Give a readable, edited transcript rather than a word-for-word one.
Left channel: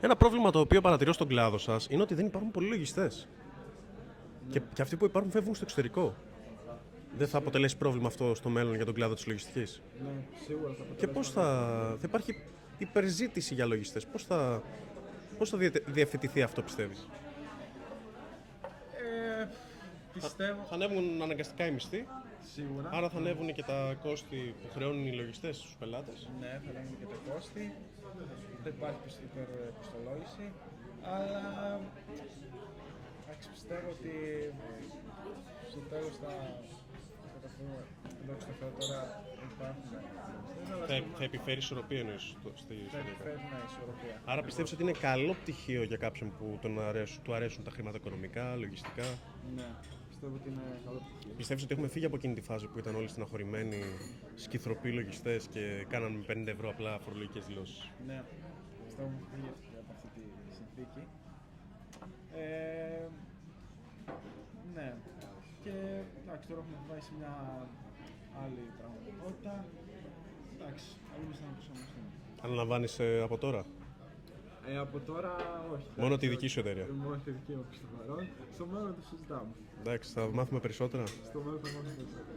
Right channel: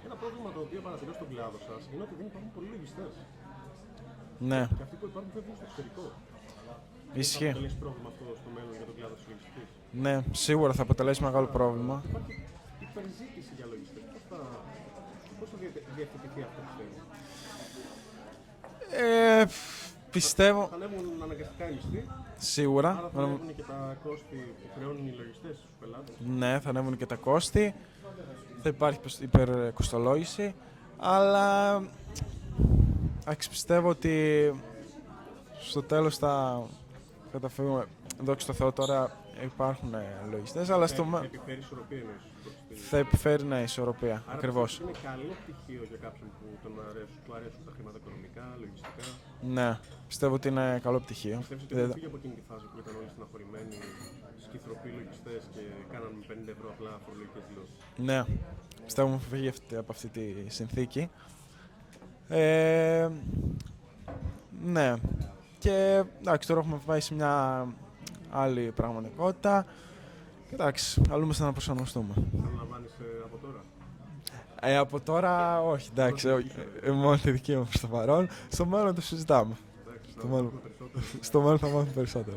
Ένα πρόβλημα το οποίο παρατηρώ στον κλάδο σας είναι ότι δεν υπάρχουν πολλοί λογιστές. Ναι, Και αυτοί που υπάρχουν φεύγουν στο εξωτερικό. Δεν θα ισχύει. αποτελέσει πρόβλημα αυτό στο μέλλον για τον κλάδο της λογιστικής? Ναι, σίγουρα θα αποτελέσει μεγάλο πρόβλημα. Θα υπάρχει υπερζήτηση για λογιστές. Πώς θα διευθετηθεί αυτό, πιστεύεις? Ε, πιστεύω Θα ανέβουν αναγκαστικά οι μισθοί, σίγουρα. άρα θα ανέβουν και τα κόστη που χρεώνουν οι λογιστές στους πελάτες. Ναι, θα ανέβουν και τα κόστη. Θα υπάρχει υπερκοστολόγηση. Αλλά εντάξει, πιστεύω ότι στο τέλος θα καταφέρουμε. Δόξα τω Θεώ, τώρα υπάρχουν λογιστές, αλλά Θα επιφέρει ισορροπία εννοείς. θα επιφέρει ισορροπία. Άρα Ακριβώς. πιστεύεις ότι είναι καλό πτυχίο για κάποιον που του αρέσουν τα χρηματοοικονομικά, λογιστικά? Ναι, πιστεύω ότι είναι καλό πτυχίο. Πιστεύεις ότι έχουν φύγει από εκείνη τη φάση που ήταν όλοι στεναχωρημένοι, σκυθροποί λογιστές και κάναν με 50 ευρώ απλά φορολογικές δηλώσεις? Ναι, πιστεύω μου φύγει από αυτή τη συνθήκη. Ναι, και εντάξει, τώρα έχουμε πάει σε μια άλλη πραγματικότητα. Εντάξει, καλούμαστε να προσαρμοστούμε. Αναλαμβάνεις από τώρα? Από τώρα όχι, εντάξει. Μόνο τη δική σου εταιρεία? Μόνο τη δική μου προς το παρόν. Στο μέλλον το συζητάμε. Εντάξει, θα μάθουμε περισσότερα. Στο μέλλον θα μάθουμε περισσότερο.